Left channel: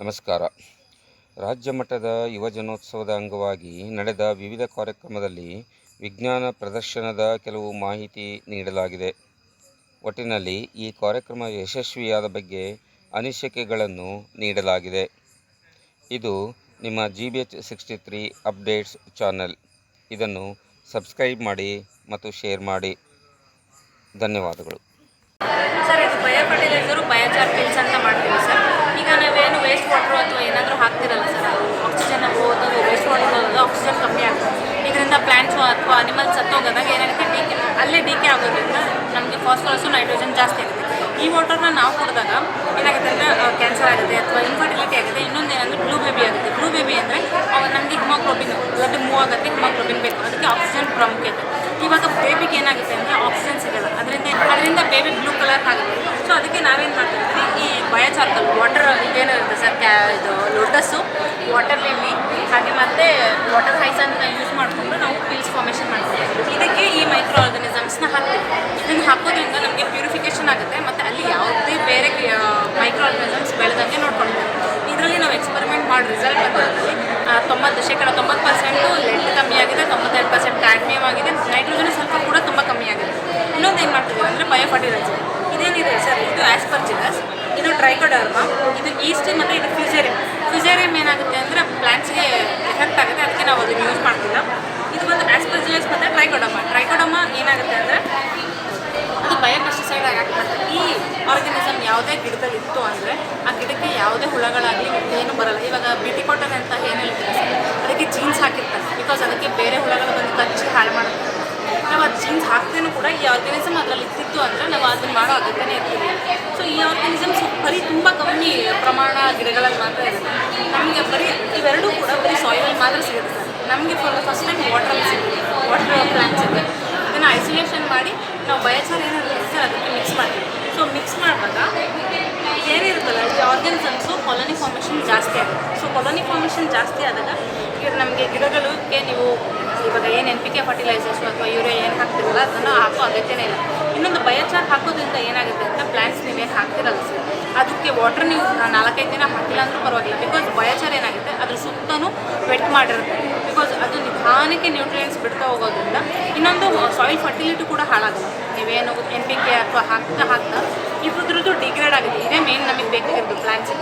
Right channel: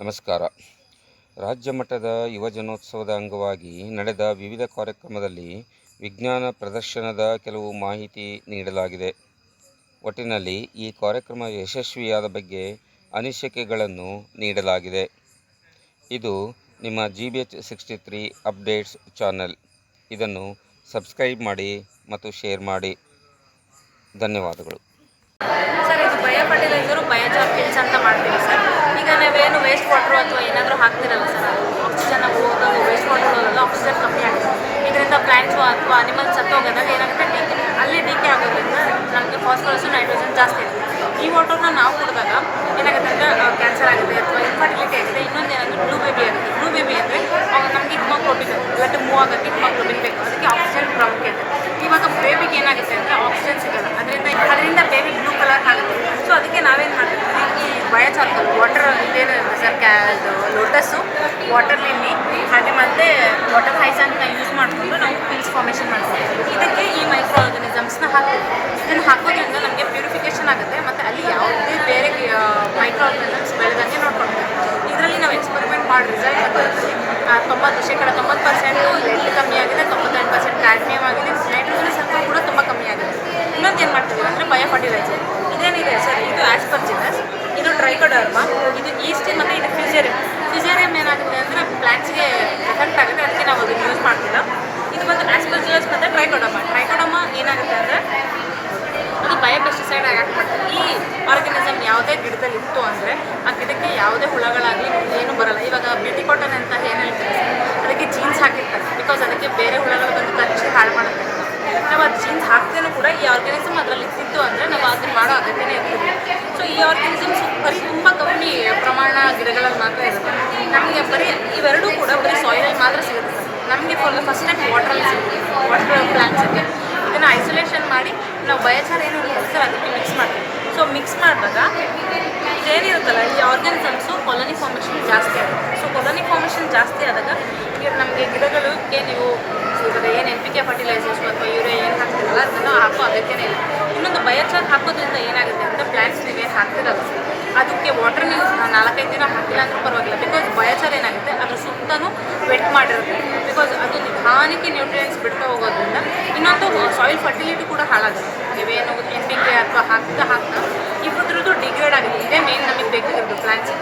ನಮಸ್ಕಾರ. ರಾಜ್ಯ ಮಟ್ಟದ ಯುವಜನೋತ್ಸವದ ಅಂಗವಾಗಿ ನಡೆದ ವಿವಿಧ ಕಾರ್ಯಕ್ರಮದಲ್ಲಿ ವಿಜ್ಞಾನ ಪ್ರದರ್ಶನದ ಕೆಲವು ಮಾಹಿತಿ ನೀಡಲಾಗಿದೆ. ಒಟ್ಟಿನಲ್ಲಿ ಈ ಕಾರ್ಯಕ್ರಮ ಯಶಸ್ವಿಯಾದ ಬಗ್ಗೆ ಅನಿಸಿಕೆಗಳನ್ನು ನೀಡಲಾಗಿದೆ. ಇದು ನಿಮ್ಮ G B H sixty three updates channel. ಇದನ್ನು ಸಬ್ಸ್ಕ್ರೈಬ್ ಮಾಡಿ ಮತ್ತು ಶೇರ್ ಮಾಡಿ. ಧನ್ಯವಾದಗಳು ಸರ್ ಇದು ಬಯೋ ಫರ್ಟಿಲೈಸರು ಬಯೋಚಾರ್ ಪಿಲ್ಸ್ ಅಂತ ಮಾಡ್ತೀವಿ ಸರ್ ಈಗ ನಾವೇನು ವೇಸ್ಟ್ ವಾಟ್ರು ಅಥವಾ ಏನಾದರೂ ಹಾಕ್ತಿರಲ್ಲ ಸರ್? ಆಕ್ಸಿಜನ್ ಹೋಗೋದು ವೇಸ್ಟ್ ವಾಟರ್ ಹೋಗೋದು ಆಕ್ಸಿಜನ್ ಕಮ್ಮಿ ಆಗುತ್ತೆ. ಇದರಿಂದ ಪ್ಲ್ಯಾಂಟ್ಸು ಅಥವಾ ಅನಿಮಲ್ಸ್ ಸತ್ತೋಗೋದಾಗ ಏನಾಗುತ್ತೆ? ಡೀಕೆ ಅಲ್ಲೇ ಡಿಕೆ ಆಗೋದ್ರಿಂದ ನಮಗೆ ಫಾಸ್ಫರಸು ನೈಟ್ರೋಜನ್ ಜಾಸ್ತಿ ಇರುತ್ತೆ. ಈ ವಾಟರ್ನ ನಾವು ಕುಡಿದಾಗ ಏನಾಗುತ್ತೆ ಅಂದರೆ ಕ್ಯಾನ್ಸರ್ ಆಗುತ್ತೆ ಅಥವಾ ಇನ್ಫರ್ಟಿಲಿಟಿ ಆಗುತ್ತೆ. ಇನ್ನೊಂದು ಏನಂದರೆ ಬ್ಲೂ ಬೇಬಿ ಆಗುತ್ತೆ. ಬ್ಲೂ ಬೇಬಿ ಅಂದರೆ ನಮಗೆ ಹಿಮೋಗ್ಲೋಬಿನ್ ಬ್ಲಡ್ ಮೂವ್ ಆಗುತ್ತೆ ಹಿಮೋಗ್ಲೋಬಿನ್ ಬೇಕು. ಅದಕ್ಕೆ ಆಕ್ಸಿಜನ್ ಪ್ರಾಮುಖ್ಯತೆ. ಇವಾಗ ಬೇಬಿಗೆ ಏನಾಗುತ್ತೆ ಅಂದರೆ ಆಕ್ಸಿಜನ್ ಸಿಗುತ್ತೆ ಅದರಿಂದ ಅದರಿಂದ ಬೇಬಿ ಬ್ಲೂ ಕಲರ್ ಆಗುತ್ತೆ. ಸೊ ಅದಕ್ಕೆ ನಾವೇನು ಮಾಡ್ತೀವಿ? ಈ ಬಯೋಚಾರ್ಕಲ್ ವಾಟರ್ ಇದೇನಿರುತ್ತೆ ಸರ್ ಕ್ಯಾ ಇದು ಲೋಟಸ್ಸು. ವಾಟರ್ ಲಿಲ್ಲಿ ಹಾಗೆ ಮತ್ತೆ ವಾಟರ್ ಹೈಸನ್ನ ಯೂಸ್ ಮಾಡಿಕೊಂಡು ನಾವು ಪಿಲ್ಸ್ ಫಾರ್ಮೇಷನ್ ಮಾಡ್ತೀವಿ. ಇದಕ್ಕೆ ಈ ಮೈಕ್ರೋ ಆರ್ಗನಿಸಮ್ಸ್ನ ಹಾಕಿ ಇದನ್ನು ಹಾಕೋದ್ರಿಂದ ನಮಗೆ ಪ್ಯೂರಿಫಿಕೇಷನ್ ಆಗುತ್ತೆ. ಮತ್ತು ಅಲ್ಲಿ ಯಾವುದೇ ಬೇರೆ ಮೈಕ್ರೋ ಆರ್ಗನಿಸಮ್ಸ್ ಬೆಳೆದಂಗೆ ನೋಡ್ಕೊಳ್ಬೋದು. ಇದರಲ್ಲಿ ನಾವು ಎಕ್ಸ್ಪೆರಿಮೆಂಟ್ ಮಾಡಿ ರಿಸಲ್ಟ್ ಬರ್ತೀವಿ ತೊಂಬತ್ತು ಶೇಕಡ ತೊಂಬತ್ತು ಪರ್ಸೆಂಟು ಲೆಡ್ ಕಮ್ಮಿ ಆಗಿದೆ ತೊಂಬತ್ತೈದು ಪರ್ಸೆಂಟ್ ಕ್ಯಾಡ್ಮಿಯಮ್ ಆಗಿದೆ ನೈಟ್ರೋಜನ್ ಸ್ವಲ್ಪ ಕೂಡ ತುಂಬ ಕಮ್ಮಿ ಆಗಿದೆ. ಇನ್ನೊಂದು ಏನು ಮಾಡ್ತೀವಿ ಅಂದರೆ ಬಯೋ ಫರ್ಟಿಲೈಸರ್ ಇದೇನಿದೆ ಸರ್? ಇದು ಆಸ್ಪರ್ಜಿನಸ್ ಇದು ಟ್ರೈಕೋಡರ್ಮ, ಇದು ಈಸ್ಟ್ ಮತ್ತು ಇದು ಫ್ಯೂಸೇರಿಯಂ ಫ್ಯೂಸೇರಿಯಂ ಏನಾಗುತ್ತೆ ಅಂದರೆ ಪ್ಲಾಂಟ್ಸ್ಗೆ ಎಫೆಕ್ಟ್ ಆಗುತ್ತೆ, ಅದಕ್ಕೆ ನಾವು ಅದನ್ನು ಯೂಸ್ ಮಾಡ್ತಿಲ್ಲ ಇದು ಬಂದು ಆಸ್ಪರ್ಜಿನಸ್ ಮತ್ತು ಟ್ರೈಕೋಡಮ ಟ್ರೈಕೋಡಮ ಏನಾಗುತ್ತೆ ಅಂದರೆ ಅದು ಬಯೋಪೆಸ್ಟಿಸೈಡ್ ಆಗಿ ಮಾಡ್ತಾರೆ ಈ ಆರ್ಗನಿಸಮ್ ಯಾವುದೇ ಗಿಡದಲ್ಲಿ ಇತ್ತು ಅಂದರೆ ಆ ಗಿಡಕ್ಕೆ ಯಾವುದೇ ಹುಳಗಳಾಗಲಿ ಏನು ಬರಲ್ಲ. ಇವಾಗ ಬ್ಯೂಟಿ ಕೊಟ್ಟರೆ ಅಂತ ಏನು ಹೇಳ್ತಾರೆ ಅದಕ್ಕೆ ಜೀನ್ಸ್ ಹಾಕಿರ್ತಾರೆ. ಬಿಕಾಸ್ ಅದಕ್ಕೆ ಬೇರೆ ಹುಳಗಳು ಬಂದು ಕಚ್ಚಿ ಹಾಳು ಮಾಡ್ತಾರೆ. ಜೀನ್ಸ್ ಹಾಕ್ತೇನೂ ಕೂಡ ಈ ಆರ್ಗನಿಸಮ್ ಅದರಲ್ಲಿ ಇದ್ದಿತ್ತು ಅಂದರೆ ನಾವು ಅದನ್ನು ಮಾಡೋ ಅಗತ್ಯನೇ ಇರ್ತೀವಿ ಸೊ ಈ ಆರ್ಗನಿಸಮ್ ಬರೀ ತುಂಬ ಕಮ್ಮಿ ಪ್ರಮಾಣ ಗಿಡಗಳನ್ನು ಮಾತ್ರ ಇರುತ್ತೆ. ನಮಗೆ ಬರೀ ಇವೆರಡೂ ಕೂಡ ಬರೀ ಸಾಯಿಲ್ ಮಾತ್ರ ಸಿಗುತ್ತೆ. ನಮಗೆ ಫುಲ್ ಫಸ್ಟ್ ಟೈಮ್ ವಾಟರ್ ಸಿಗುತ್ತೆ. ವಾಟರ್ ಪ್ಲಾಂಟ್ಸ್ ಇದೆ ಇದನ್ನು ಐಸೋಲೇಷನ್ ಮಾಡಿ ನಾವು ಬಯೋಚಾರ ಏನಿರುತ್ತೆ ಸರ್ ಅದಕ್ಕೆ ಮಿಕ್ಸ್ ಮಾಡ್ತೀವಿ. ಸೊ ಮಿಕ್ಸ್ ಮಾಡಿದಾಗ ಏನಿರುತ್ತಲ್ಲ ಈ ಆರ್ಗ್ಯಾನಿಸಮ್ಸು ಕಾಲೋನಿ ಫಾರ್ಮೇಷನ್ ಜಾಸ್ತಿ ಆಗುತ್ತೆ. ಸೊ ಕಾಲೋನಿ ಫಾರ್ಮೇಷನ್ ಜಾಸ್ತಿ ಆದಾಗ ಈಗ ನಮಗೆ ಗಿಡಗಳಿಗೆ ನೀವು ಇವಾಗ ಏನು ಎನ್ ಪಿ ಕೆ ಫರ್ಟಿಲೈಸರ್ಸ್ ಅಥವಾ ಯೂರಿಯಾ ಏನು ಹಾಕ್ತಿರಲ್ಲ ಅದನ್ನು ಹಾಕೋ ಅಗತ್ಯನೇ ಇಲ್ಲ. ಇನ್ನೊಂದು ಬಯೋಚಾರ್ ಹಾಕೋದ್ರಿಂದ ಏನಾಗುತ್ತೆ ಅಂದರೆ ಪ್ಲಾಂಟ್ಸ್ ಏನು ಹಾಕ್ತಿರಲ್ಲ ಸರ್ ಅದಕ್ಕೆ ವಾಟರ್ ನೀವು ನಾಲ್ಕೈದು ದಿನ ಹಾಕಿಲ್ಲ ಅಂತ ಪರವಾಗಿಲ್ಲ. ಬಿಕಾಸ್ ಬಯೋಚಾರ್ ಏನಾಗುತ್ತೆ ಅದ್ರ ಸುತ್ತಲೂ ವೆಟ್ ಮಾಡಿರುತ್ತೆ. ಬಿಕಾಸ್ ಅದು ನಿಧಾನಕ್ಕೆ ನ್ಯೂಟ್ರಿಯೆಂಟ್ಸ್ ಬಿಡ್ತಾ ಹೋಗೋದ್ರಿಂದ ಇನ್ನೊಂದು ಸಾಯಿಲ್ ಫರ್ಟಿಲಿಟಿ ಕೂಡ ಹಾಳಾಗುತ್ತೆ. ನೀವೇನು ಎನ್ ಪಿ ಕೆ ಅಥವಾ ಹಾಕ್ತಾ ಹಾಕ್ತಾ ಇಬ್ಬರದ್ದು ಡಿಗ್ರೇಡ್ ಆಗುತ್ತೆ. ಇದೇ ಮೇನ್ ನಮಗೆ ಬೇಕಾಗಿರೋದು ಪ್ಲಾಂಟ್ಸ್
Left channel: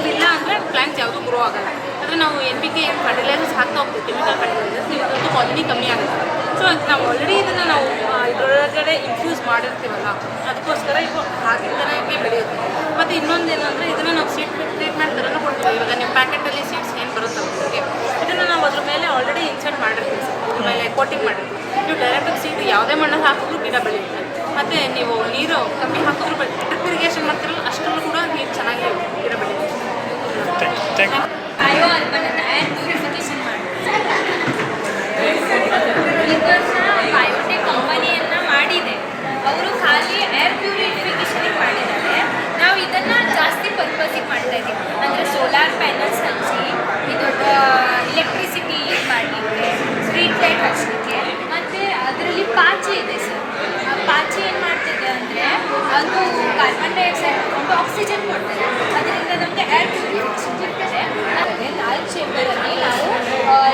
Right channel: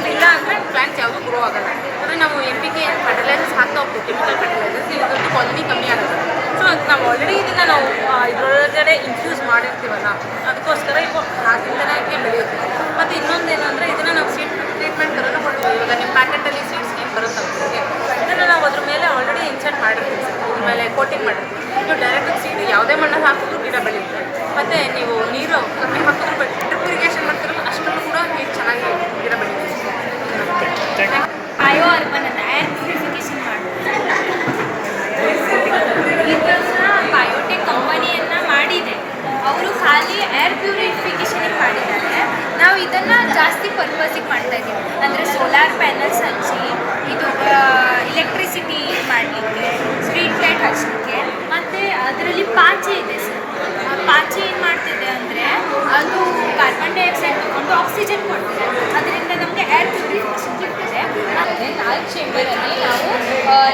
ಇದಿಲ್ಲ ಅಂದರೆ ಪ್ಲಾಂಟ್ಸ್ ಯಾವುದು ಗ್ರೋ ಆಗಲ್ಲ. ಅಂದರೆ ನಾವು ಎನ್ ಪಿ ಕೆ ಫರ್ಟಿಲೈಸರ್ಸ್ ಹಾಕ್ತಾ ಹೋಗ್ತೀವಿ ಕೆಮಿಕಲ್ ಕ್ವಾಲಿಟಿ ಕಮ್ಮಿ ಆಗುತ್ತೆ. ಸೊ ನಾವು ಆಲ್ರೆಡಿ ಇದನ್ನು ನಾವು ಇದರೊಳಗಡೆ ಇನ್ಫ್ಯೂಸ್ ಮಾಡಿರ್ತೀವಲ್ಲ, ಅದಕ್ಕೋಸ್ಕರ ಇವು ಆಗಿಂದನೇ ಬೆಳೆಯುತ್ತೆ. ಮತ್ತು ಇನ್ನೊಂದೇನು ಅಂದರೆ ಇದನ್ನು ನಾವು ಸೀಟ್ ಟ್ರೀಟ್ಮೆಂಟ್ ಥರನೂ ಕೊಡ್ತೀವಿ. ಇವಾಗ ನಿಮ್ಮ ಪ್ಯಾಕೆಟಲ್ಲಿ ಸೀಟ್ಸ್ ಏನು ಬರುತ್ತೆ ಇದನ್ನು ನಾವು ಅದ್ರ ಮೇಲೆ ಆಲ್ರೆಡಿ ಇನ್ಸರ್ಟ್ ಮಾಡಿರ್ತೀವಿ ಆಮೇಲೆ ಕೋಟಿಂಗ್ ಮಾಡಿರ್ತೀವಿ. ಇದು ಡೈರೆಕ್ಟಾಗಿ ಸೀಟ್ ಯಾವುದೇ ಮಣ್ಣಲ್ಲಿ ಹಾಕಿದ್ರು ಗಿಡ ಬೆಳೆಯುತ್ತೆ. ಮತ್ತು ನೀವು ನೀರು ಕಮ್ಮಿ ಹಾಕಿದ್ರು ಡ್ರಿಪ್ ಇರಿಗೇಷನ್ ಮಾಡ್ತೀರಿ ಅಷ್ಟರಲ್ಲೂ ಕೂಡ ನೀರು ಚೆನ್ನಾಗಿ ಗಿಡ ಬೆಳೆಯುತ್ತೆ ಬಯೋ ಅಲ್ಬನ್ ಅಂತ ಏರ್ ಪ್ಯೂರಿಫಿಕೇಶನ್ ಮಾಡ್ತಾರೆ ಬಯೋಟೆಕ್ ಕಂಪನಿಯನ್ನ ಮಾಡಿದೆ ಅವರು ಖಾಲಿ ಏರ್ ಪ್ಯೂರಿಫಿಕೇಶನ್ ಮಾಡಿದ್ದಾರೆ ನಾವು ಇದನ್ನು ಜಾಸ್ತಿ ಪರ್ಪಸಿಗೆ ಮಾಡ್ತಾ ಇದ್ದೀವಿ ಅಂದರೆ ಸೋಲಾರ್ ಪ್ಯಾನಲ್ಸ್ ಹಚ್ಚಿ ಇದು ಇಲೆಕ್ಟ್ರಿಸಿಟಿ ಮಾಡಲಿಕ್ಕೆ ಸ್ಟ್ರೀಟ್ ಲೈಟ್ ಹಚ್ಚಲಿಕ್ಕೆ ಮತ್ತು ಅದರಲ್ಲಿ ಪಾಚಿ ಇದೆ ಸರ್ ಆ ಪಾಚಿ ಏನು ಮಾಡ್ತಿದೆ ಅಂದರೆ ಅದು ಕಾರ್ಬನ್ ಡೈಆಕ್ಸೈಡ್ ತಗೊಂಡು ಆಕ್ಸಿಜನ್ ಕೊಡ್ತದೆ ಅದರಿಂದ ನಮಗೆ ಏರ್ ಸಿಗ್ತದೆ ನಾಲ್ಕು ಚೇಂಬರಲ್ಲಿ ನಾವು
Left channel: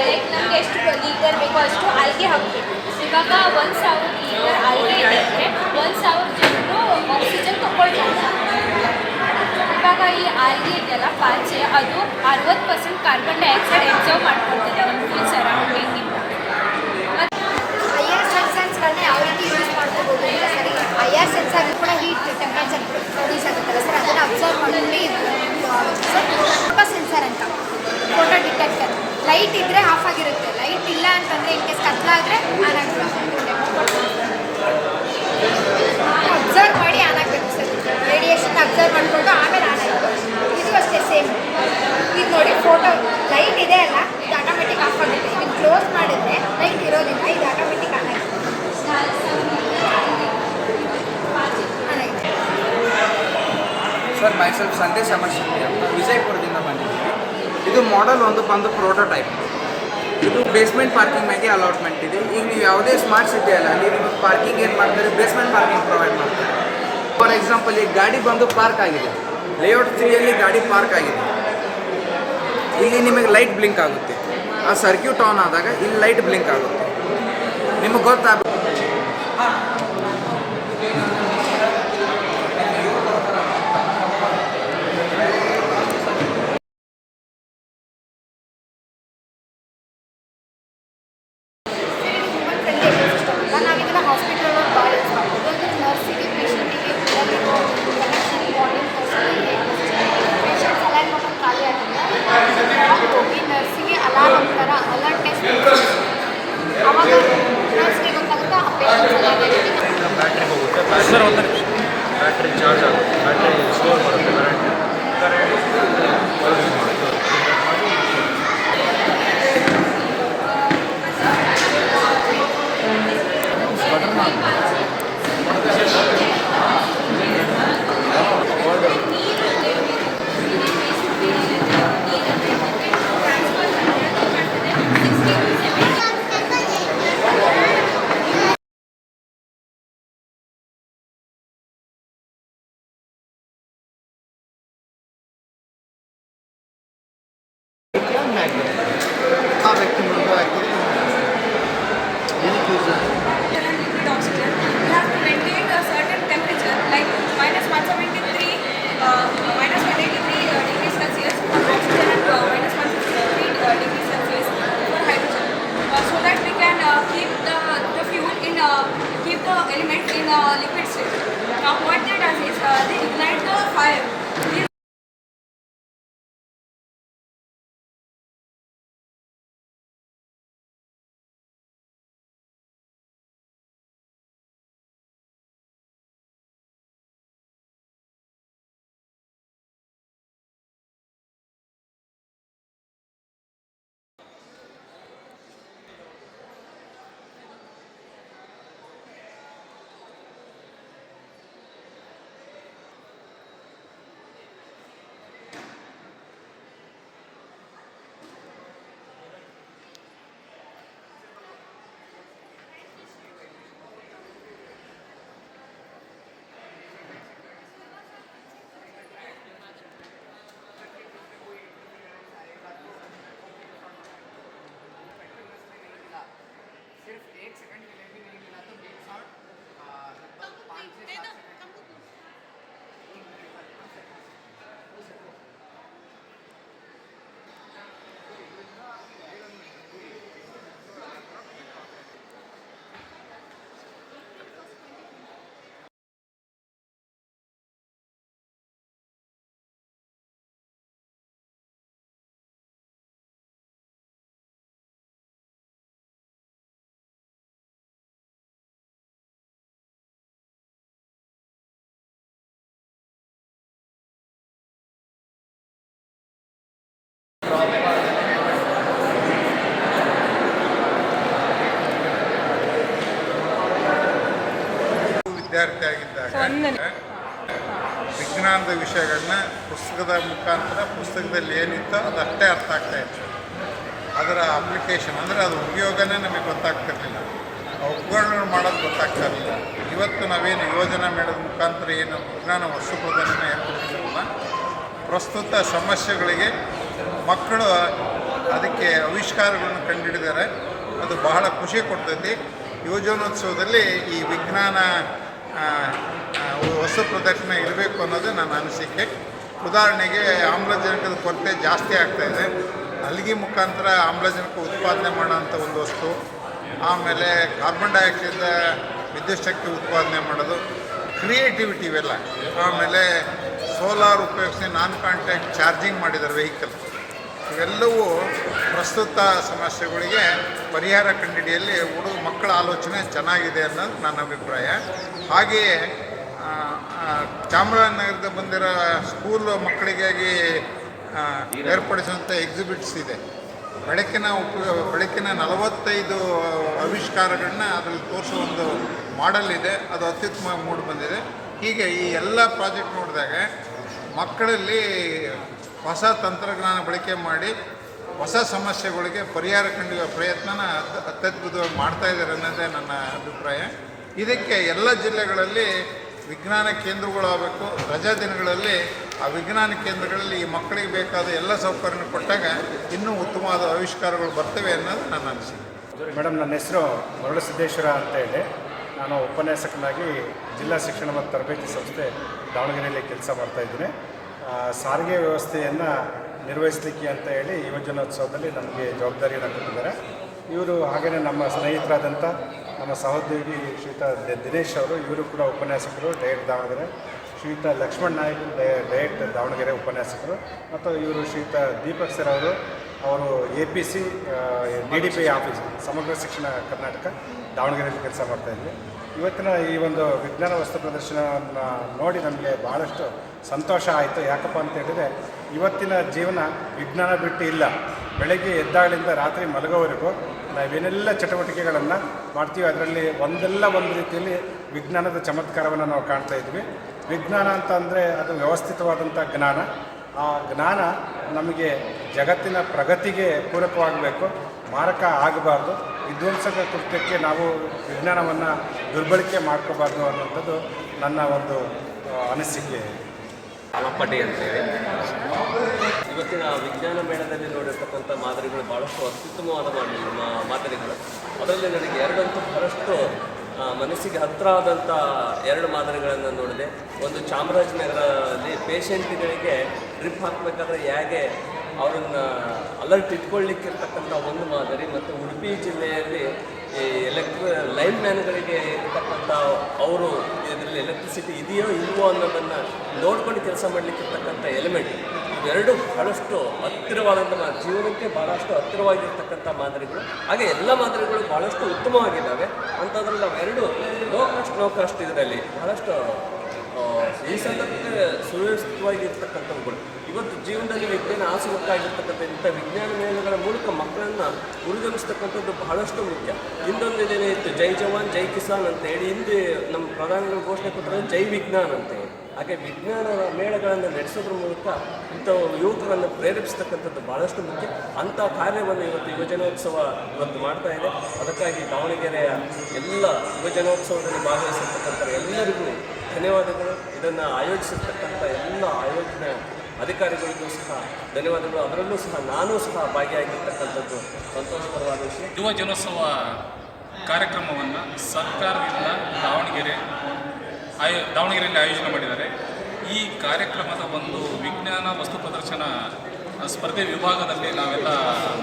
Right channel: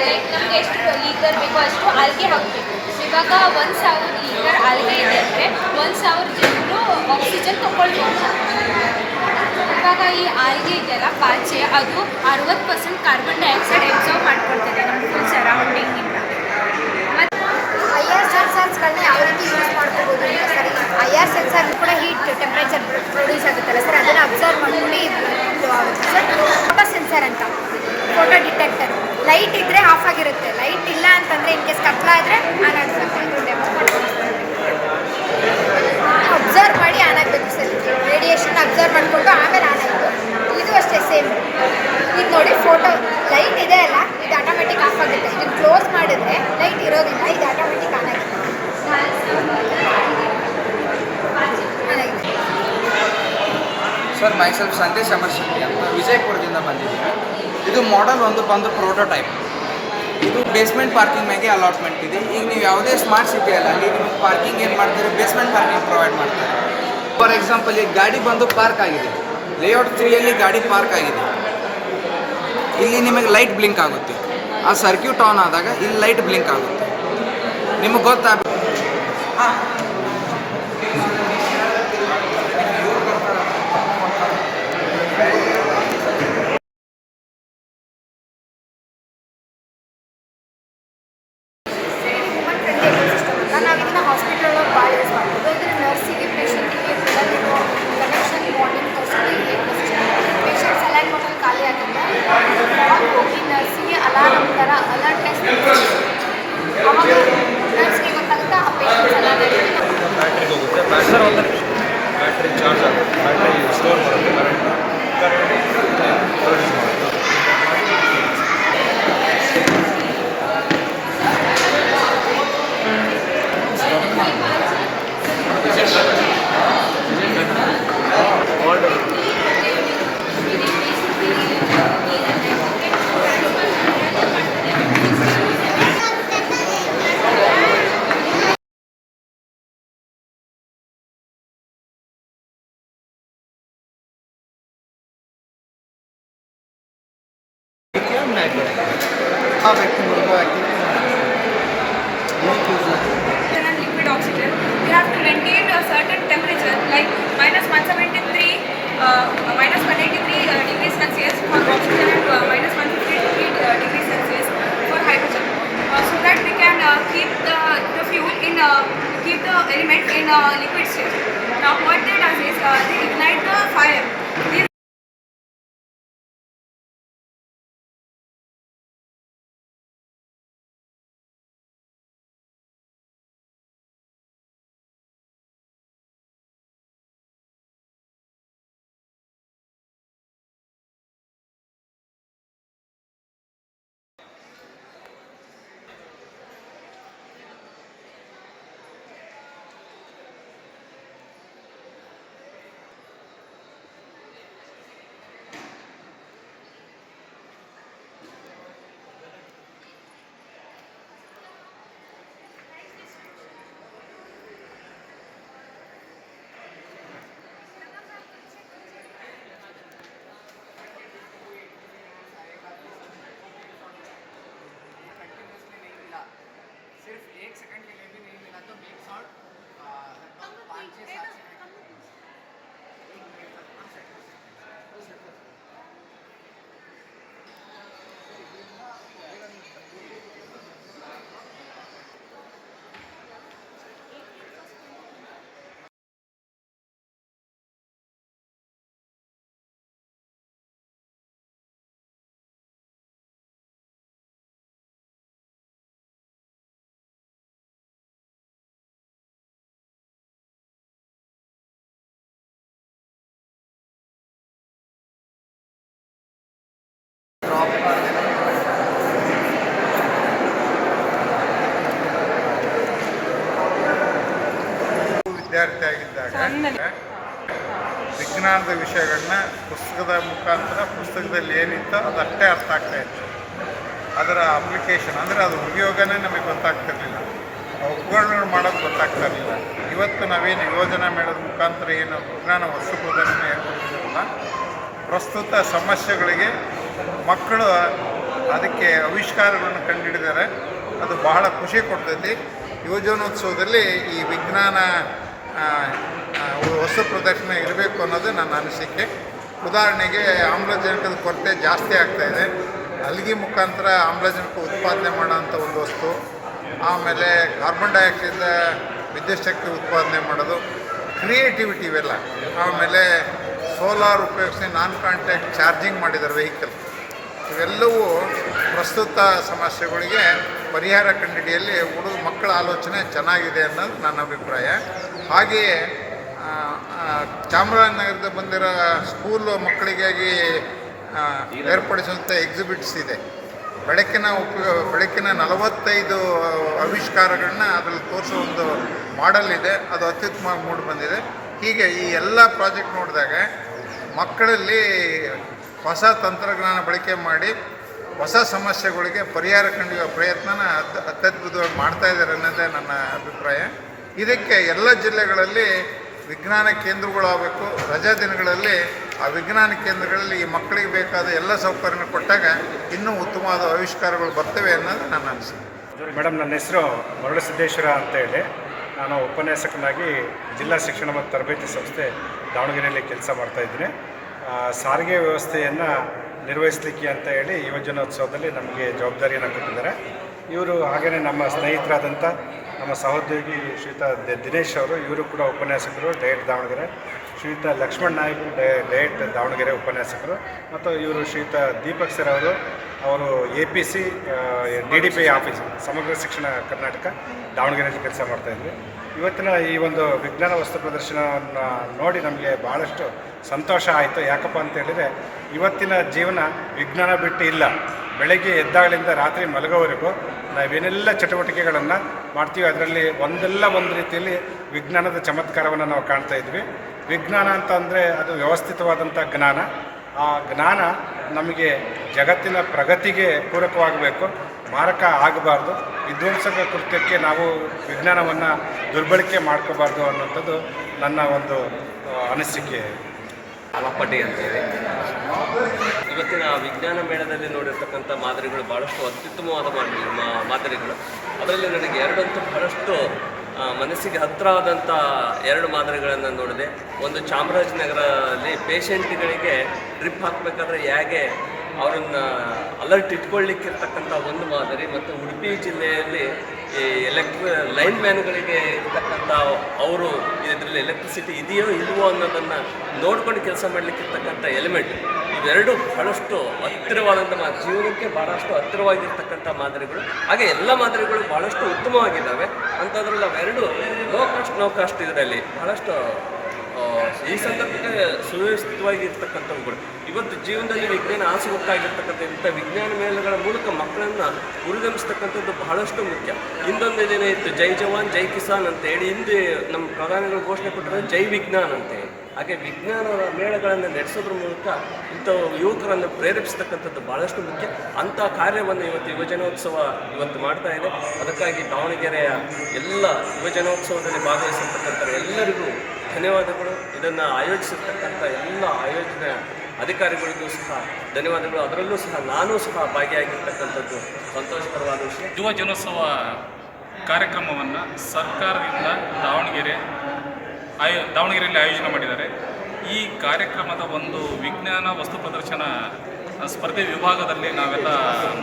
ಲೈಕ್ ನಮಗೆ ಎಷ್ಟು ಲೀಟರ್ ಬೇಕೋ ಅಷ್ಟು ಆಲ್ಗೆ ಹಾಕಬೇಕು. ಇವಾಗ ಒಂದು ಸಾವಿರ ಲೀಟರ್ ಆಲ್ಗೆ ಇದೆ ಅಂದರೆ ಒಂದು ಸಾವಿರ ಜನರು ಆಕ್ಸಿಜನ್ ತಗೊಳ್ಬೋದು. ಇವಾಗ ಈ ಆಲ್ಗೆ ಇದೆಯಲ್ಲ, ಪಾಚೆ, ಅದು ಅರವತ್ತು ಪರ್ಸೆಂಟ್ ಕಾರ್ಬನ್ ಡೈಆಕ್ಸೈಡ್ ಎಬ್ಸರ್ವ್ ಮಾಡ್ಕೊಳ್ತಿದೆ ನಮ್ಮ ಸರೌಂಡಿಂಗಿಂದ ಸೆನ್ಸರ್ಸ್ಗಳನ್ನ ಯಾವ ರೀತಿ ಯೂಸ್ ಮಾಡ್ಕೋಬೋದು ಅಂತ ಸರಿ ಐ ಆರ್ ಸೆನ್ಸರ್ ಕೂಡ ಹೀಟ್ ಟೆಂಪ್ರೇಚರ್ ಪ್ರೊಡ್ಯೂಸ್ ಆಗುತ್ತಲ್ಲ ಸರ್? ಅದನ್ನು ಅಬ್ಸರ್ವ್ ಮಾಡ್ಕೊಂಡು ಸರ್ ಫೋಟೋ ಸೆನ್ಸರ್ ಅಂತ ಫೋಟೋ ಡಿಟೆಕ್ಟರ್ ಲೈಟ್ ಇದ್ದರೆ ಆಫ್ ಆಗಿರುತ್ತೆ. ಲೈಟ್ ಇಲ್ಲ ಅಂತಂದರೆ ಇನ್ ಕೇಸ್ ಕತ್ಲ ಆದರೆ ಆನ್ ಆಗುತ್ತೆ. ಅಬ್ಸರ್ವ್ ಮಾಡಿ ಆನ್ ಆಗಬೇಕು ಸರ್. ರೇಡಿಯೇಷನ್ ಅಬ್ಸರ್ವ್ ಮಾಡಿಕೊಂಡು ಆಮೇಲೆ ಆನ್ ಆಯಿತು ಇದು ಅಷ್ಟೇ ಸೇಮ್ ಇದು ನೋಡಿ ಫೋಟೋ ಲೈಟ್ ಇದೆ ಅಲ್ಲ, ಇದು ಆಟೋಮೆಟಿಕ್ ಆಫ್ ಆಗುತ್ತೆ. ಇದನ್ನು ಕ್ಲೋಸ್ ಮಾಡಿದ್ರೆ ಲೈಟ್ ಇರೋದಿಲ್ಲ, ಇದು ಆಟೋಮೆಟಿಕ್ ಆಗಿದೆ ಸರ್ ಮೈಸೆಲ್ಫ್ ಸಂದೇಶ್ ಅಮರ್ ಅಂತ ವಿಜಯಪುರದಿಂದ ಬಂದಿದ್ದೀನಿ ಇದು ಮಾಡೆಲ್ ಒಂದು ಬಂದು ಪ್ರೋಟೋಟೈಪ್ ಇದು ಬೇಸ್ಮೆಂಟ್ ಪಾರ್ಕಿಂಗ್ ಮ್ಯಾಗೆ ಅಲಾಟ್ಮೆಂಟ್ ಇದೆ. ಈಗ ನೀವು ಯಾವುದೇ ಸ್ಮಾರ್ಟ್ ಸಿಟಿ ಅಲ್ಲ ಅಲ್ಲಿ ನಿಮಗೆ ಪಾರ್ಕಿಂಗ್ ಏನು ಮಾಡ್ತಾರೆ? ಬೇಸ್ಮೆಂಟ್ ಪಾರ್ಕಿಂಗ್ ಪ್ರೊವೈಡ್ ಮಾಡ್ತಾರೆ. ಫಾರ್ ಎಕ್ಸಾಂಪಲ್ ಈಗ ಗಾಡಿ ಬಂದು ಪಾರ್ಕ್ ಆಗಿದೆ. ಲೇಔಟ್ ತ್ರೀಯಲ್ಲಿ ಗಾಡಿ ಪಾರ್ಕ್ ಆಗಿದೆ. ಇಲ್ಲಿ ನಿಮಗೆ ಲೈಟ್ ಬ್ಲಿಂಕ್ ಆಗುತ್ತೆ. ಆ ಸರ್ಕ್ಯೂಟ್ ಆನ್ ಆದಾಗ ಇಲ್ಲಿ ಲೈಟ್ ಬ್ಲಿಂಕ್ ಆಗುತ್ತೆ. ನಿಮಗೆ ಗೊತ್ತಾಗ 啊。हा व्यक्ती मुलगा व्यक्ती liquid oxygen? We have to maintain a certain temperature like minus 173 uh, minus 183 uh, degrees celsius for oxygen and uh, minus 163 uh, degrees celsius for hydrogen. Uh, so that we can uh, keep the, the fuel in uh, keep the element in uh, liquid state. Now what they does is uh, they ignite the fire. This ವಿದ್ಯಾರ್ಥಿ ಆಗಿದ್ದಾಗ ವಿಜ್ಞಾನದ ವಿಷಯಗಳನ್ನ ಪುಸ್ತಕದ ಮುಖಾಂತರ ಪುಸ್ತಕದಲ್ಲಿ ಏನಿತ್ತೋ ಅದಷ್ಟೇ ಅರ್ಥ ಆಗ್ತಾ ಇತ್ತು. ಅದರ ಅಪ್ಲಿಕೇಶನ್ ಅಂದರೆ ಅದು ಉಪಯೋಗನೇ ನಮಗೆ ಗೊತ್ತಾಗ್ತಿರ್ಲಿಲ್ಲ. ಆ ಉಪಕರಣಗಳು ಮಾಡೋದು ಗೊತ್ತಾಗ್ತಾ ಇರಲಿಲ್ಲ ಇವತ್ತು ನಾವೇನು ಯೋಜನೆ ಮೇಳದ ಮುಖಾಂತರ ಏನು ವಿಜ್ಞಾನ ವಸ್ತು ಪ್ರದರ್ಶನ ಏರ್ಪಡಿಸಿದ್ರಲ್ಲ ಪ್ರಸ್ತುತ ಸಮಸ್ಯೆಗಳಿಗೆ ಮಕ್ಕಳು ಅದಕ್ಕೆ ಆವಿಷ್ಕಾರಗಳನ್ನು ಕಂಡುಹಿಡಿದರೆ ಅದು ಬಹಳ ಖುಷಿ ಕೊಡ್ತೈತಿ. ಯುವಜನೋತ್ಸವದಲ್ಲಿ ಈ ವಿಜ್ಞಾನ ವಸ್ತು ಪ್ರದರ್ಶನ ಇರಬೇಕು ಅನ್ನೋದು ನನ್ನ ಅನಿಸಿಕೆ. ಉದಾಹರಣೆಗೆ ಆಮ್ಲಜನಕದ ಕೊರತೆ ಜಾಸ್ತಿ ಆಗ್ತಾ ಇದೆ. ಅಲ್ಲಿಗೆ ಮುಖಾಂತರ ಆಮ್ಲಜನಕ ಉತ್ಪಾದನೆ ಮಾಡೋಂಥ ಒಂದು ವಸ್ತು, ಆಮೇಲೆ ಕಾರ್ಬನ್ ಡೈಆಕ್ಸೈಡ್ ವಿದ್ಯುತ್ ಶಕ್ತಿ ಉತ್ಪಾದನೆ ಮಾಡೋದು, ಕ್ರಿಯೇಟಿವಿಟಿ ಇವೆಲ್ಲ. ಆಮೇಲೆ ಸೋಲಾರ್ ಉಪಯೋಗಿಸಿ ನಾನ್ ಕಾಂಟ್ಯಾಕ್ಟ್ ಚಾರ್ಜಿಂಗ್ ಮಾಡಿದ್ದಾರೆ ವೆಹಿಕಲ್. ಇವೆಲ್ಲವೂ ಪ್ರಸ್ತುತ ಸಮಸ್ಯೆಗಳಿಗೆ ಪರಿಹಾರ ಕಂಡುಹಿಡಿಯಲ್ಲಿ ಹುಡುಗ ಮಕ್ಕಳ ಆಲೋಚನೆ ಚೆನ್ನಾಗಿದೆ ಅನ್ನೋದು ನನ್ನ ಅಭಿಪ್ರಾಯ. ಹಾಗೆಯೇ ಚಾಮರಾಜನಗರದ ಬಂದಿರೋ ಸ್ಕೂಲ್ ಮಕ್ಕಳಿಗಾಗಿ ಏರ್ಪಡಿಸುವಂಥ ಎಕ್ಸಿಬಿಟ್ಸ್ ಇದೆ. ಬೆಳಕಿನ ಉಪಯೋಗ ಬೆಳಕಿನ ನಲವತ್ತೈದು ಆವಿಷ್ಕಾರಗಳನ್ನ ಅದರಲ್ಲಿ ತೋರಿಸೋ ಒಂದು ಮಾಡೆಲ್ ಇದೆ. ಅದು ಅತ್ಯುತ್ತಮ ಮೂಡ್ ಬಂದಿದೆ. ಹೀಗೆ ಈ ಎಲ್ಲ ಪ್ರಾಜೆಕ್ಟ್ ನೋಡಿದಾಗ ಮಕ್ಕಳಲ್ಲಿ ಹೊಸ ತಂತ್ರಜ್ಞಾನ ಬಳಕೆ ಮಾಡಿ ಹೊಸ ಸಮಸ್ಯೆಗಳಿಗೆ ಪರಿಹಾರ ಕಂಡುವ ಪ್ರಯತ್ನನ ಅತ್- ಅತ್ಯದ್ಭುತವಾಗಿ ಮಾಡ್ತಾ ಇದ್ದಾರೆ ಅನ್ನೋದೇ ನನ್ನ ಅಭಿಪ್ರಾಯ. ಇದಕ್ಕೆ ಎಲ್ಲ ಜಿಲ್ಲೆಗಳಲ್ಲಿ ವಿಜ್ಞಾನ ಕೇಂದ್ರಗಳಾಗಬೇಕು. ರಜಾ ದಿನಗಳಲ್ಲಿ ಆ ವಿಜ್ಞಾನ ಕೇಂದ್ರಗಳಲ್ಲಿ ಈ ಮಕ್ಕಳಿಗೆ ಬೇಕಾದ ಎಲ್ಲ ಸೌಕರ್ಯ ಕೊಟ್ಟಾಗ ಇನ್ನೂ ಉತ್ತಮವಾದ ಆವಿಷ್ಕಾರಗಳು ಬರ್ತವೆ ಅನ್ನೋದು ನನ್ನ ಅನಿಸಿಕೆ. ಮೇಡಮ್ ನನ್ನ ಹೆಸರು ಮರುಳಸಿದ್ದೇಶ್ವರ ಅಂತ ಹೇಳಿ. ನಾನು ಉಪನ್ಯಾಸಕನಾಗಿ ಜಿಲ್ಲಾ ಶಿಕ್ಷಣ ಮತ್ತು ತರಬೇತಿ ಸಂಸ್ಥೆ ದಾವಣಗೆರೆಯಲ್ಲಿ ಕೆಲಸ ಮಾಡ್ತಾ ಇದ್ದೀನಿ. ಆ, ಸಾರಿಗೆ ವ್ಯವಸ್ಥೆಯನ್ನು ನಿರ್ವಹಿಸಲಿಕ್ಕೆ ಅಂತ ಹೇಳಿ ಯುವಜನೋತ್ಸವದಲ್ಲಿ ನಮಗೆ ಜವಾಬ್ದಾರಿಯನ್ನು ಕೊಟ್ಟಿದ್ದಾರೆ. ಇವರು ಹಾಗೆಯೇ ನಮ್ಮ ಸ್ನೇಹಿತರಾದಂಥ ನಮ್ಮ ಸಹೋದ್ಯೋಗಿ ಶ್ರೀತ ದಿನೇಶ್ ಅವರು, ಇವರು ಕೂಡ ಉಪನ್ಯಾಸಕರು, ಡಯಟ್ ದಾವಣಗೆರೆ. ಶ್ರೀಯುತ ಲಕ್ಷ್ಮಣ್ ನಾಯ್ಕ್, ಡಯ- ಡಯಟ್ ದಾವಣಗೆರೆ ಉಪನ್ಯಾಸಕರು. ಮತ್ತು ಇವರು ಶ್ರೀಯುತ ದೀಪಕ್ ಸರ್ ಅವರು ಅವರು A P C D D P office, Samagra Shikshana Karnataka ದಾವಣಗೆರೆಯಲ್ಲಿ ಕೆಲಸ ಮಾಡ್ತಾಯಿದ್ವಿ ಇವತ್ತಿನ ಈ ಒಂದು ವಿಜ್ಞಾನ ವಸ್ತು ಪ್ರದರ್ಶನವನ್ನು ನೋಡಿ ನಮಗೆ ಭಾಳಷ್ಟು ಸಂತೋಷ ಆಯಿತು. ಯಾಕಪ್ಪ ಅಂತ ಹೇಳಿದರೆ, ಇವತ್ತಿನ ಜೀವನ ವಿಜ್ಞಾನ ಬಿಟ್ಟು ಇಲ್ಲ. ಬೆಳಗ್ಗೆ ಎದ್ದಾಗಲಿಂದ ರಾತ್ರಿ ಮಲಗೋವರೆಗೂ ನಾವೇನೆಲ್ಲ ಚಟುವಟಿಕೆಗಳನ್ನು ಮಾಡ್ತೀವಿ ಅದರಲ್ಲಿ ಒಂದೆಲ್ಲ ಒಂದು ರೀತಿಯಲ್ಲಿ ವಿಜ್ಞಾನದ ಚಮತ್ಕಾರವನ್ನು ನಾವು ಕಾಣ್ತಾ ಇದ್ವಿ. ವಿಜ್ಞಾನ ಅಂತ ಅಂದರೆ ಅದು ವ್ಯವಸ್ಥಿತವಾದಂಥ ಜ್ಞಾನ. ಆ ಜ್ಞಾನ ನಮಗೆ ಜಗತ್ತಿನ ಪ್ರಗತಿಗೆ ಪೂರಕವಾಗಬೇಕು. ಮಾರಕ ಆಗಬಾರ್ದು. ವಿಧ್ವಂಸಕ ಕೃತ್ಯಕ್ಕೆ ನಾವು ವಿಜ್ಞಾನವನ್ನು ದುರ್ಬಳಕೆ ಮಾಡ್ಕೋಬಾರ್ದು ಅನ್ನೋಂಥದ್ದು ನನ್ನ ಒಂದು ಅನಿಸಿಕೆ. ಅಲಪಟಿ ಅಂತೇಳಿ. ಇವತ್ತಿನ ವಿಜ್ಞಾನ ಮೇಳದಲ್ಲಿ ನೋಡಿರ್ತಕ್ಕಂಥ ಮಾದರಿಗಳು ಭಾಳಷ್ಟು ಅತ್ಯುತ್ತಮವಾದ ಮಾದರಿಗಳು. ಅದರಲ್ಲಿ ನನಗೆ ಎರಡಂತೂ ಬಹಳಷ್ಟು ಮನಸ್ಸಿಗೆ ಹತ್ತಿರ ಆದಂಥ ಎರಡು ಮಾದರಿಗಳನ್ನು ನೋಡಿದೆ. ಒಂದು ಚಾಮರಾಜನಗರದಲ್ಲಿ ಪೇಷಂಟ್ಗಳಿಗೆ ಡ್ರಿಪ್ ಹಾಕಬೇಕಾದ್ರೆ ಹೇಗೆ ಅವರನ್ನು ಅಲರ್ಟ್ ಇಟ್ಕೊಳ್ಳಿಕ್ಕಿರ್ತಕ್ಕಂಥ ಒಂದು ಮಾದರಿ ಮತ್ತು ಉಡುಪಿ ಜಿಲ್ಲೆಯಲ್ಲಿ ಈ ಎಲೆಕ್ಟ್ರಿ ಲೈನ್ ಮ್ಯಾನ್ಗಳಿಗೆ ಇರ್ತಕ್ಕಂಥ ಅವರು ಇದರಲ್ಲಿ ಎಲೆಕ್ಟ್ರಿಸಿಟಿ ಇದೆಯೋ ಇಲ್ವೋ ಅನ್ನೋದನ್ನು ನೋಡ್ಕೊಂಡು ಕೆಲಸ ಮಾಡಲಿಕ್ಕಿರ್ತಕ್ಕಂಥ ಎಲಿಮೆಂಟ್ ಇವೆರಡು ಬಹಳಷ್ಟು ಹತ್ತಿರವಾದಂಥ ಮಾ ಜೀವನಕ್ಕೆ ಭಾಳಷ್ಟು ಹತ್ತಿರವಾಗಿರ್ತಕ್ಕಂಥ ಮಾದರಿಗಳು. ಹಾಗೆ ಎಲ್ಲ ಮಾದರಿಗಳು ಭಾಳಷ್ಟು ಉತ್ತಮವಾಗಿದ್ದಾವೆ. ಅಂಥದ್ರಲ್ಲಿ ಅವೆರಡು ಲೋ ಕಾಸ್ಟ್ ನೋ ಕಾಸ್ಟ್ ಇದರಲ್ಲಿ ಬಹಳಷ್ಟು ಈ ಸಂದರ್ಭಕ್ಕೆ ಸುವ್ಯವಸ್ಥಿತವಾಗಿರ್ತಕ್ಕಂಥವುಗಳು ಇವತ್ತು ಜೀವನದಲ್ಲಿ ವಿಜ್ಞಾನ ಆಸಕ್ತಾಗಿರ್ತಕ್ಕಂಥ ಇಂಥ ವಿಜ್ಞಾನ ಮೇಳಗಳ ಮೂಲಕ ಮಕ್ಕಳನ್ನು ಉರಿದಂಬಿಸ್ತಕ್ಕಂಥದ್ದು ಬಹಳಷ್ಟು ಮುಖ್ಯ. ದಿನ ಇತ್ತು, ಜೈ ಜವಾನ್, ಜೈ ಕಿಸಾನ್ ಅಂತ ಹೇಳಿ. ಹಿಂದೆ ನಮ್ಮ ಪ್ರಧಾನಿಗಳು ಘೋಷಣೆ ಕೊಟ್ಟರೆ ಜೈ ವಿಜ್ಞಾನ್ ಅಂತ ಹಾಗೆ ವಿಜ್ಞಾನದ ಮೇಳಗಳನ್ನು ನಡೆಸೋದ್ರ ಮೂಲಕ ಇಂಥ ಯುವಕರನ್ನು ಪ್ರೇರೇಪಿಸ್ತಕ್ಕಂಥದ್ದು ಬಹಳಷ್ಟು ಮುಖ್ಯ. ಅಂಥ ಕಾರ್ಯವನ್ನು ಇವತ್ತು ಯುವಜನೋತ್ಸವ ಇವತ್ತು ಮಾಡ್ತಾ ಇದೆ. ಅದಕ್ಕಾಗಿ ದಾವಣಗೆರೆಯ ಎಲ್ಲ ಯುವಜನೋತ್ಸವದಲ್ಲಿ ಭಾಗವಹಿಸಿರ್ತಕ್ಕಂಥ ಎಲ್ಲರಿಗೂ ಧನ್ಯವಾದಗಳು. ಇದನ್ನು ಆಯೋಜಿಸಿರ್ತಕ್ಕಂಥ ಎಲ್ಲ ಆಯೋಜನೆ ಅಧಿಕಾರಿಗಳಿಗೂ ಸಹ, ಧನ್ಯವಾದಗಳು. ಅದರಲ್ಲೂ ಸಹ ನಾನೂ ಸಹ ಭಾಗಿಯಾಗಿರ್ತಕ್ಕಂಥದ್ದು ಸಂತೋಷಕರವಾದ ವಿಷಯ. ಯುವ ಕಾರ್ಯಕ್ರಮವನ್ನು ಸರ್ಕಾರದಿಂದ ದಾವಣಗೆರೆ ಆಯೋ, ದಾವಣಗೆರೆಯಲ್ಲಿ ಆಯೋಜನೆ ಮಾಡಿದ್ದಾರೆ. ಈ ಕಾರ್ಯಕ್ರಮದ ಒಂದು ವಿಜ್ಞಾನ ವಸ್ತು ಪ್ರದರ್ಶನ ಸ್ಪರ್ಧೆ ವಿಭಾಗದಲ್ಲಿ ನಾವೆಲ್ಲ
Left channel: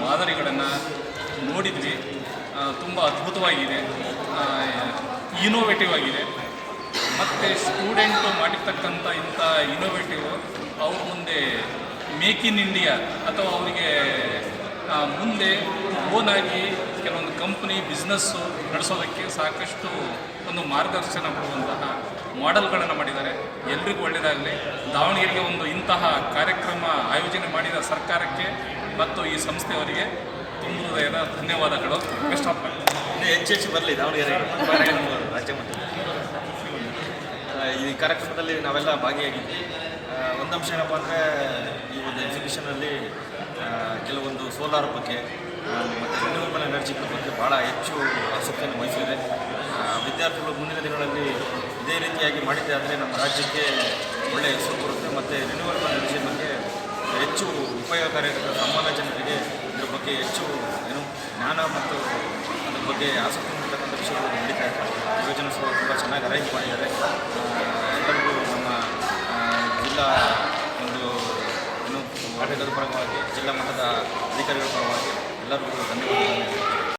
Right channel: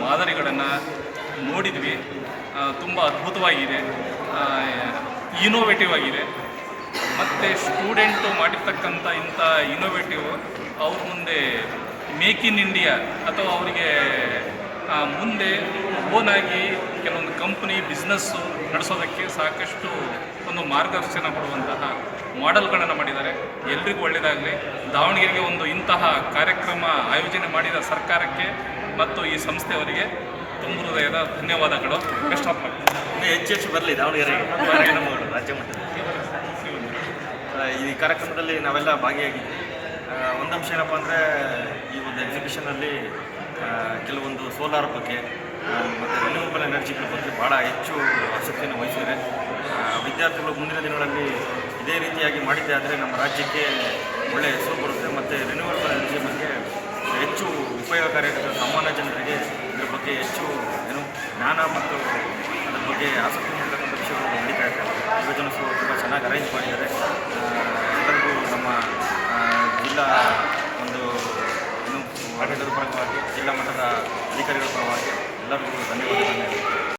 ಮಾದರಿಗಳನ್ನು ನೋಡಿದ್ವಿ. ತುಂಬ ಅದ್ಭುತವಾಗಿದೆ. ಇನೋವೇಟಿವ್ ಆಗಿದೆ. ಮತ್ತು ಸ್ಟೂಡೆಂಟು ಮಾಡಿರ್ತಕ್ಕಂಥ ಇಂಥ ಇನೋವೇಟಿವ್ ಅವ್ರ ಮುಂದೆ ಮೇಕ್ ಇನ್ ಇಂಡಿಯಾ ಅಥವಾ ಅವರಿಗೆ ಮುಂದೆ ಓನಾಗಿ ಕೆಲವೊಂದು ಕಂಪ್ನಿ ಬಿಸ್ನೆಸ್ಸು ನಡೆಸೋದಕ್ಕೆ ಸಾಕಷ್ಟು ಒಂದು ಮಾರ್ಗದರ್ಶನ ಕೊಡುವಂತಹ ಮಾಡೆಲ್ಗಳನ್ನು ಮಾಡಿದ್ದಾರೆ. ಎಲ್ರಿಗೂ ಒಳ್ಳೆಯದಾಗಲಿ ದಾವಣಗೆರೆಗೆ ಒಂದು ಇಂತಹ ಕಾರ್ಯಕ್ರಮ ಆಯೋಜನೆ ಮಾಡಿದ ಸರ್ಕಾರಕ್ಕೆ ಮತ್ತು ಈ ಸಂಸ್ಥೆಯವರಿಗೆ ತುಂಬ ಹೃದಯದ ಧನ್ಯವಾದಗಳು. ಬೆಸ್ಟ್ ಆಫ್ ಇನ್ನೂ ಹೆಚ್ಚು ಹೆಚ್ಚು ಬರಲಿ, ದಾವಣಗೆರೆ. ರಾಜ್ಯ ಮಟ್ಟದಲ್ಲಿ. ಈ ಕಾರ್ಯಕ್ರಮದಲ್ಲಿ ನಾವೆಲ್ಲ ಭಾಗಿಯಾಗಿದ್ವಿ. ಒಂದು ಅಂಶ ಏನಪ್ಪ ಅಂದರೆ ಈ ಒಂದು ಎಕ್ಸಿಬಿಷನಲ್ಲಿ ಕೆಲವೊಂದು ಸೋಲಾರ್ ಬಗ್ಗೆ ಮತ್ತು ರಿನ್ಯೂವಬಲ್ ಎನರ್ಜಿಗಳ ಬಗ್ಗೆ ಭಾಳ ಹೆಚ್ಚು ಆಸಕ್ತಿಯನ್ನು ವಹಿಸಿದ್ದಾರೆ ಆ, ವಿದ್ಯಾರ್ಥಿಗಳು ಮುಂದಿನ ದಿನಗಳಲ್ಲಿ ಇದೇ ರೀತಿಯಾಗಿ ಮಾಡಿದ್ದೆ ಆದರೆ ನಮ್ಮ ರಾಜ್ಯಕ್ಕೆ ಒಳ್ಳೆಯ ಹೆಸರು ಬರುತ್ತೆ. ಮತ್ತು ರಿನ್ಯೂವಬಲ್ ಎನರ್ಜಿ ಬಗ್ಗೆ ಹೆಚ್ಚು ಉಪಯೋಗಕಾರಿಯಾದ ಸಾಮಾನ್ಯ ಜನರಿಗೆ ಇದ್ರ ಬಗ್ಗೆ ಹೆಚ್ಚು ಏನು ಜ್ಞಾನ ಮತ್ತು ಬಗ್ಗೆ ಆಸಕ್ತಿ ಹೊಂದಿರತಕ್ಕಂಥ ವಿಷಯಗಳು ನಡೀತಾ ಇದೆ. ಸಹ ತುಂಬ ಚೆನ್ನಾಗಿ ಅರೇಂಜ್ ಮಾಡಿದ್ದಾರೆ. ಎಲ್ಲರಿಗೂ ನಮ್ಮ ಜಿಲ್ಲಾ ಒಂದು ಏನು ಆಡಳಿತದ ಪರವಾಗಿ, ಜಿಲ್ಲಾ ಮಟ್ಟದ ಅಧಿಕಾರಿಗಳ ಪರವಾಗಿ ಎಲ್ಲರಿಗೂ ಧನ್ಯವಾದಗಳು